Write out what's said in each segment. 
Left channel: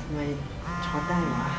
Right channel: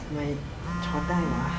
ทำไมช็อตได้วะ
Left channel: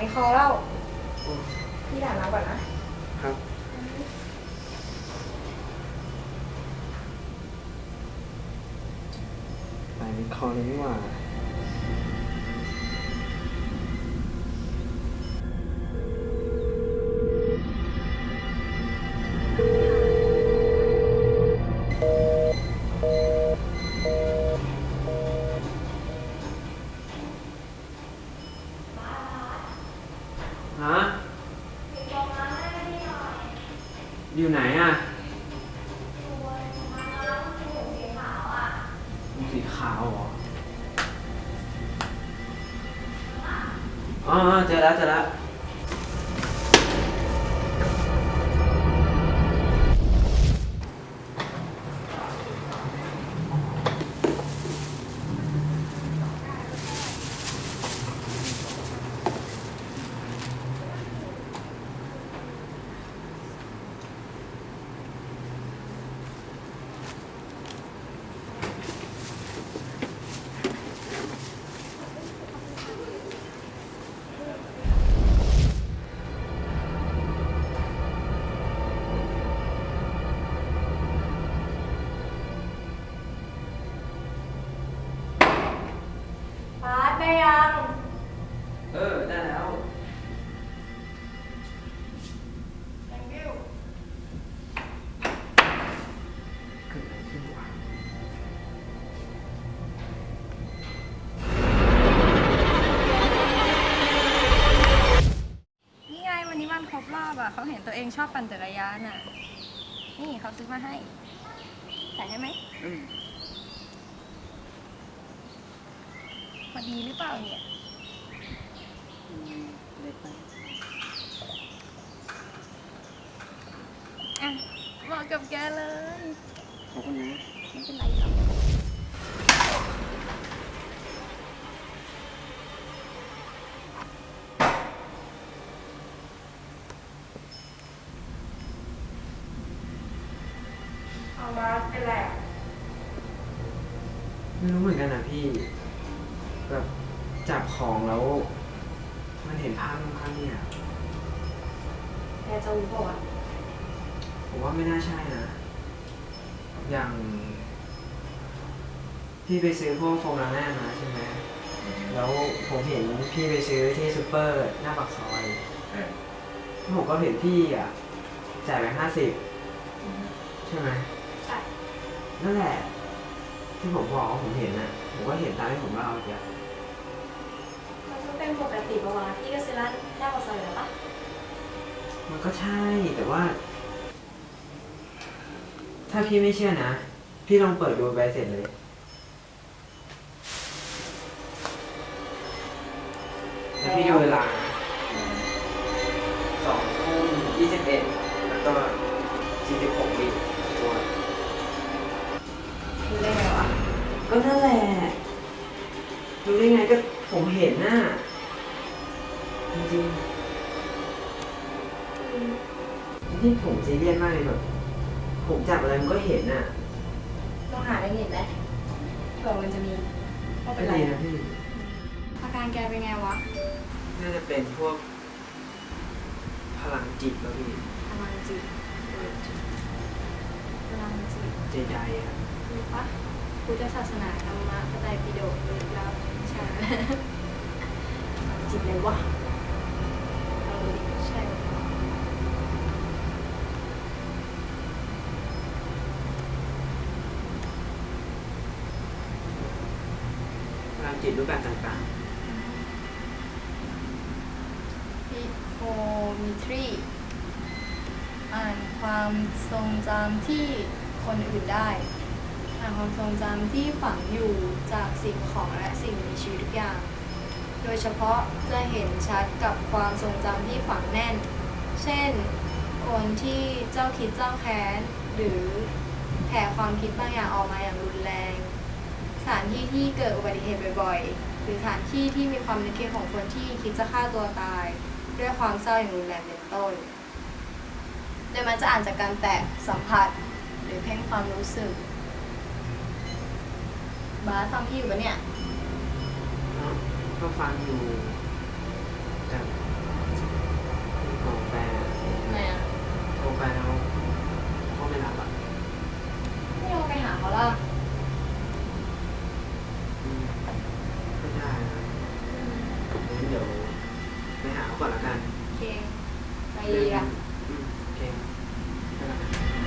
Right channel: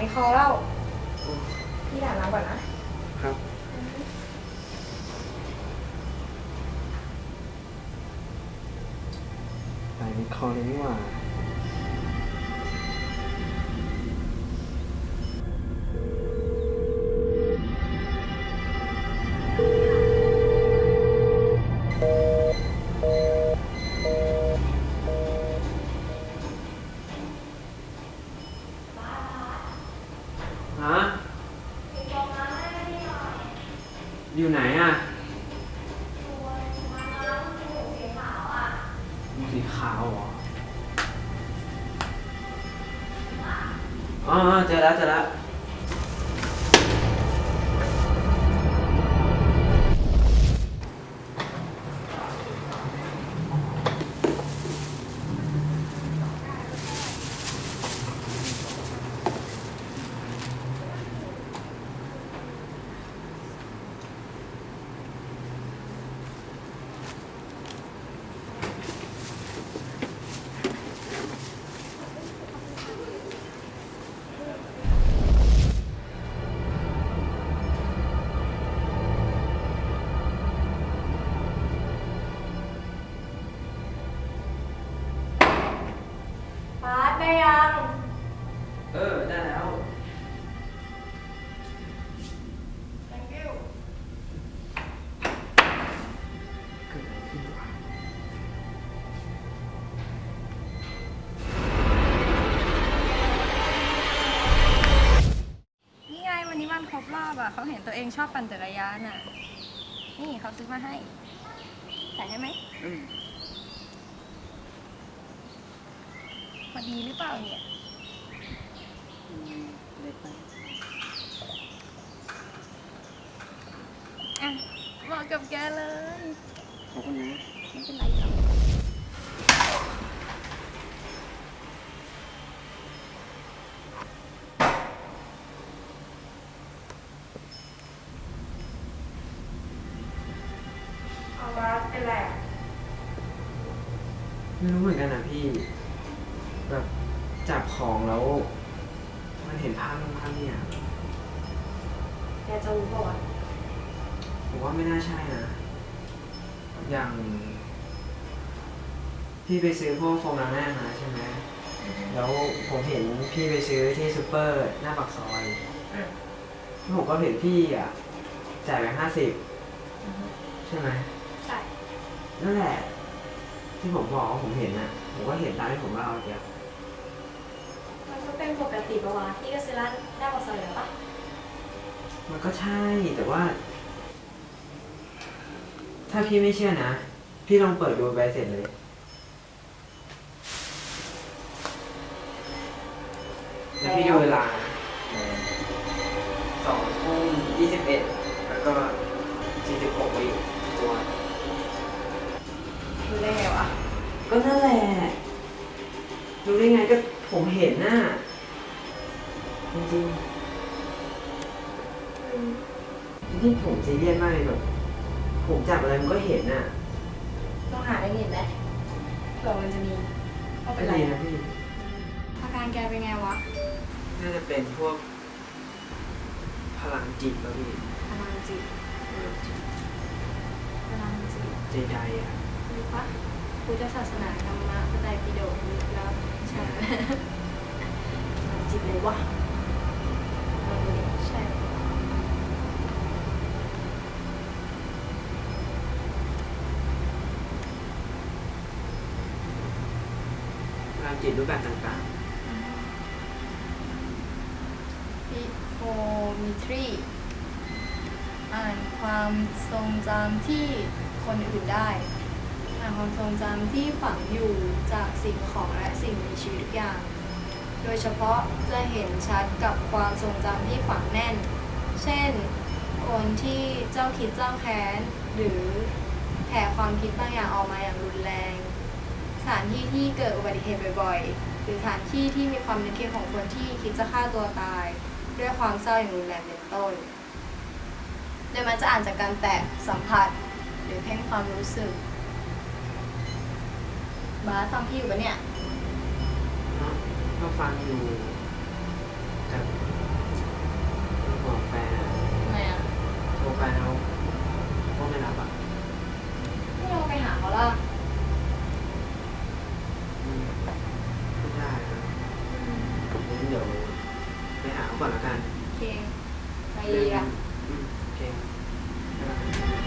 มาเท่าไหร่ไม่คอเล่าโอ้พี่ถามน้ำก่อนนะ ครับไปในคอเลยนี่หว่า สีขาวเหรออ๋อเจอแล้วเจอแล้ว เขาเห็นตัวเองชอบปั่นจักรยานอะ นี่เขาซื้อมาให้ใส่ให้ไหมอืมพอดีหรือเปล่าเนี่ยเล็กไปอะเหมาะกับแกเลยขอบคุณนะไม่เป็นไรหรอก เห็นภาพนู่นภาพนี่อะแกจะรู้ป่าวะผมว่าไม่น่าใช่นะ อย่าง พี่ไปซื้อพวกโฟมล้างหน้ามาใช่ไหม แล้วผมเห็นพี่ไปซื้อที่ซูเปอร์หน้าปากซอยแล้วผมก็เห็นพี่อะจ่ายไปห้าสิบใช่ไหม ใช่ นั่นแหละ ที่ผมบอกว่าผมเห็นอะ ผมก็เห็นตามที่ผมเล่าเมื่อกี้มันก็เป็นปกติปะวะพี่ก็ซื้อร้านหน้าปากซอยอยู่แล้วปะมันก็ใช่แต่ว่า ถ้าพี่ไม่เชื่อนะ พี่ลองเปิดดูใบเสร็จเลย แล้วพี่ดูเวลาสองทุ่มยี่สิบเอ็ดแล้วก็สี่สิบหกวิตัว รู้ได้ไงวะก็นั่นแหละ รู้ได้ไงก็ผมเห็นน่ะ จริงๆนี่ผมซีเรียสมากเลยแบบ ผมจับอะไรมันก็เห็นน่ะลองหาได้เห็นไหมเผื่อมันจะมีว่าเป็นไรดีนะพี่ อาการแกเป็นไงวะน่าจะเป็นพวก พลังจิตแล้วพี่พลังจิตพลังจิตใจใจอะมีปะพุทธศาสนาธรรมะพระไตรปิฎกลึกลับใช่ไหมพลังจิตเลยวะ ลองดูดิใช่หรือเปล่าพลังจิตรูปแบบต่างพิโคมิทรี อ่านความทรงจำที่คนอื่นได้ อ่านความทรงจำที่ฝังอยู่จากสิ่งของและสิ่งมีชีวิตทุกอย่าง โดยเฉพาะจะเห็นชัดกับความทรงจำที่ฝังแน่น เช่น คนที่เจ้าคิดเจ้าแค้น หรือแผ่ความคิดบางอย่างออกมาอย่างรุนแรง สถานที่ที่เกิดอุบัติเหตุบ่อยๆ หรือสถานที่ที่มีความนึกคิดของคนที่คิดจะฆ่าตัวตาย ด้วยความเศร้าอย่างรุนแรงเป็นต้น โดยมันจะอ่านจากการแตะสัมผัส หรือเพ่งความรู้สึก บาสฟังพี่อยู่ปะเนี่ย ก็ฟังอยู่แต่เป็นของแฟนอะทำไมอะโทรไปแล้วก็ไม่รับอะไม่ลองไปหาเขาล่ะอืมก็ได้นะงั้นเดี๋ยวไปหาเขาก่อนละกันโอเคไปดีอะ อืมโอเคบ๊ายบ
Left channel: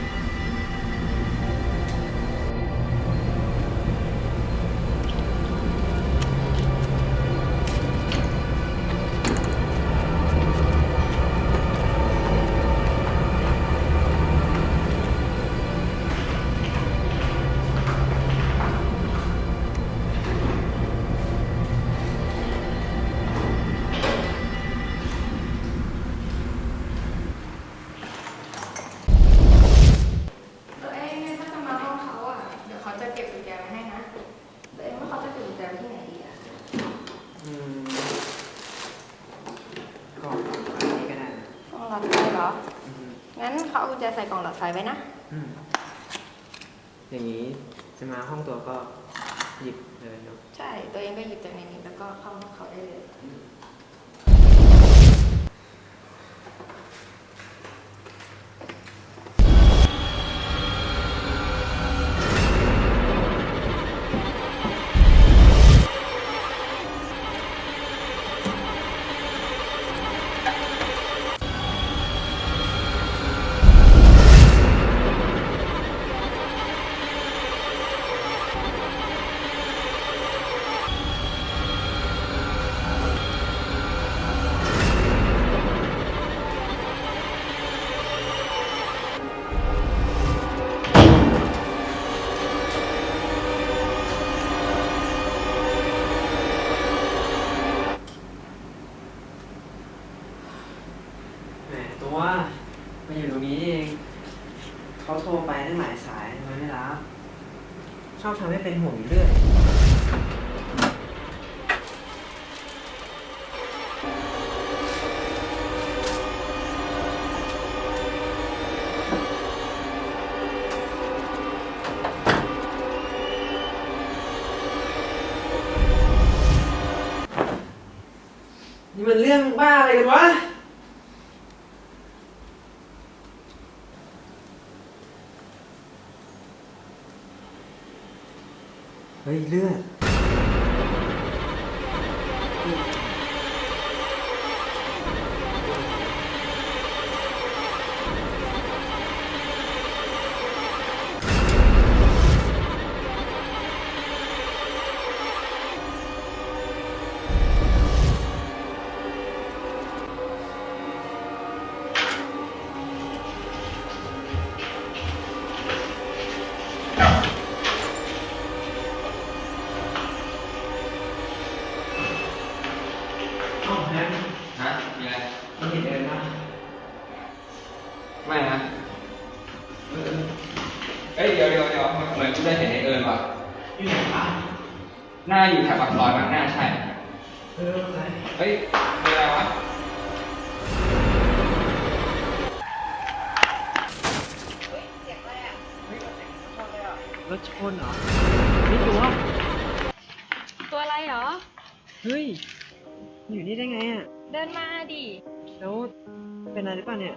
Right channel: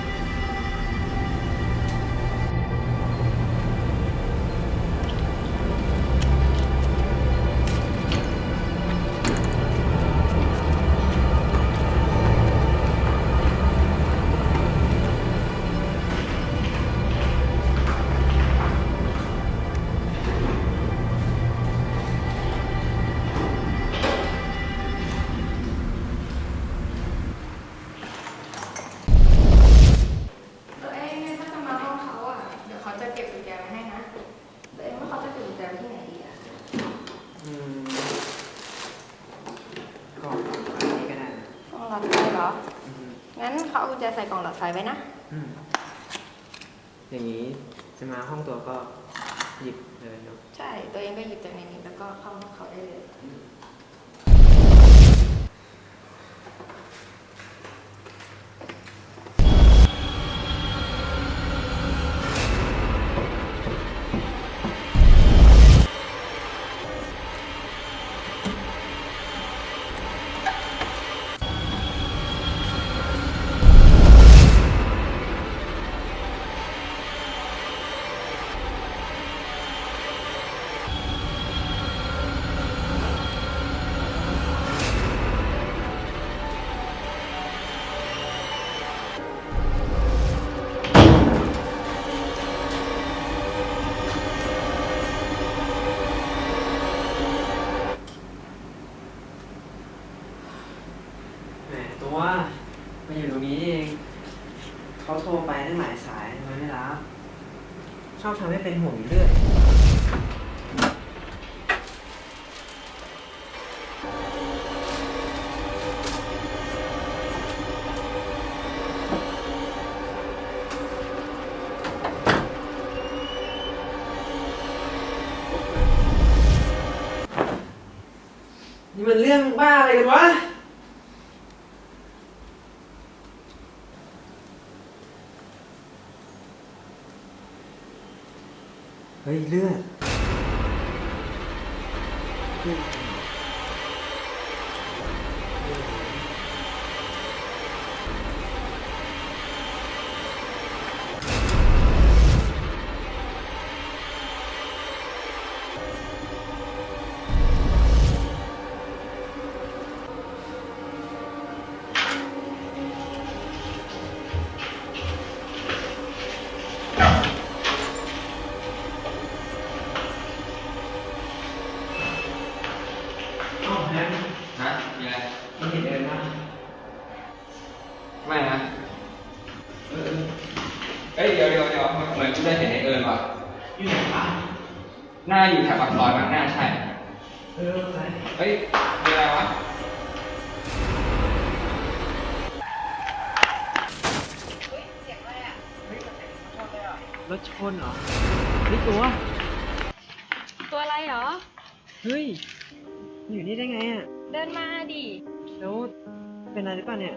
ญแจใส่กล่องหลอดไฟไว้นะอืมอย่างนี้จะมาห้องตัวก็หยิบเลยเนาะ ใช่ ตัวเองก็หยิบจากในนี้แล้วก็เข้าห้องเขาได้เลยแห หลายสายทำไมไม่รับชอบทำให้เป็นห่วงอยู่เรื่อยนี่มันเรื่องบ้าอะไรกันวะ เฮ้ยเลือด รถชนเหรอนี่ตัว ตัวอะไรเหรอ เฮ้ย อยู่นี่ได้ไงอะ เดินมาดิ แล้วเป็นอะไรหรือเปล่าเนี่ย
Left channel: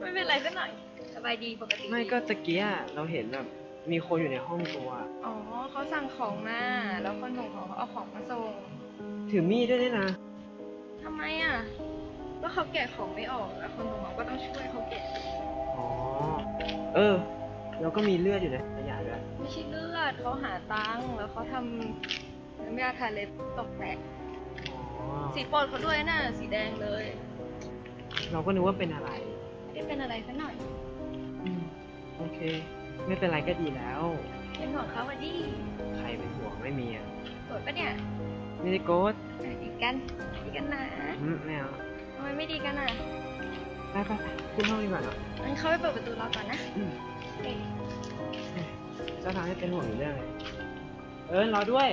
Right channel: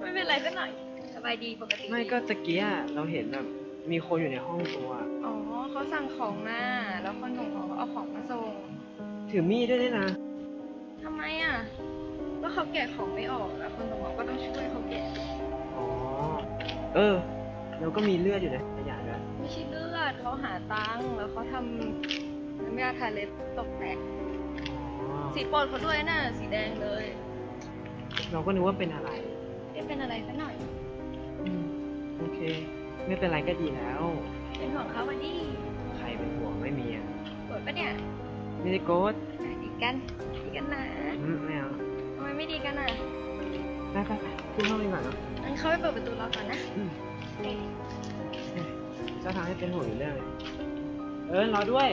ไม่เป็นไรสักหน่อย สบายดีปกติไม่ก็ตะเกียเราเห็นแบบมีคนอยู่ในห้องตัวอ๋อเขาสั่งของมา แล้วคนหนุ่มของเขาเอาของมาส่งถือมีดด้วยนี่นะทำไมอะ ก็เขาแกะของไม่ออก แล้วคนส่งของก็ต้องช่วยเขาแกะ อ๋อ เออ แล้วก็มีเลือดอยู่ในขยะด้วยไม่ใช่เลือดเขาหาตังค์แล้วเขาทำน้ำยาทาเล็บตกแตก อ๋อสีโปรดเขาด้วยน่ะสีแดงเลย เราก็นึกว่าเป็นอะไรไม่ได้เป็นอะไรสักหน่อย อืมโอเค ไม่เป็นไรก็ดีแล้ว เป็นห่วงเขาอะดิใครเป็นห่วงไม่มีอะโกรธปะเนี่ยไม่ได้โกดอะดีกันดีกันนะอืมไม่เอาทำไมไม่ดีกันอะไปไปไปขึ้นห้องดีกว่าเนาะงั้นเขาไปเปิดประตูรอก่อนนะ อืม จะทำให้เป็นห่วงอยู่เรื่องเลยเออรอด้วย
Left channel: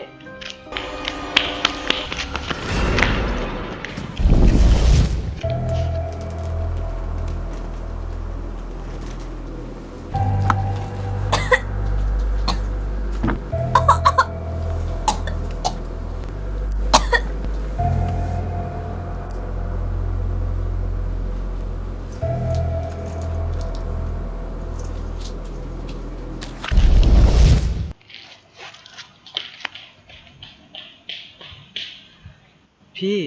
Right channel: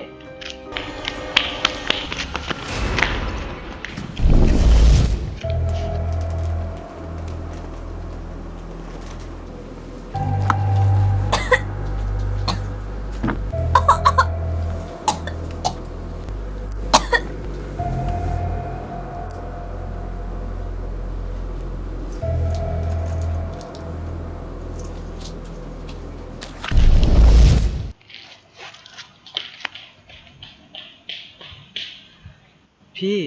พี่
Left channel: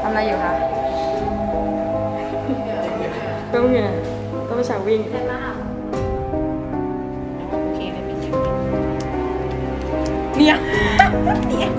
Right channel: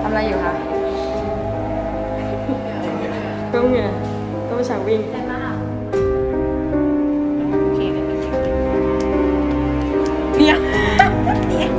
ทำอะไรอยู่คะเพิ่มเหงื่อต้องไปฉากวิ่งโอเคได้พี่เสียงเนี่ย เนี่ย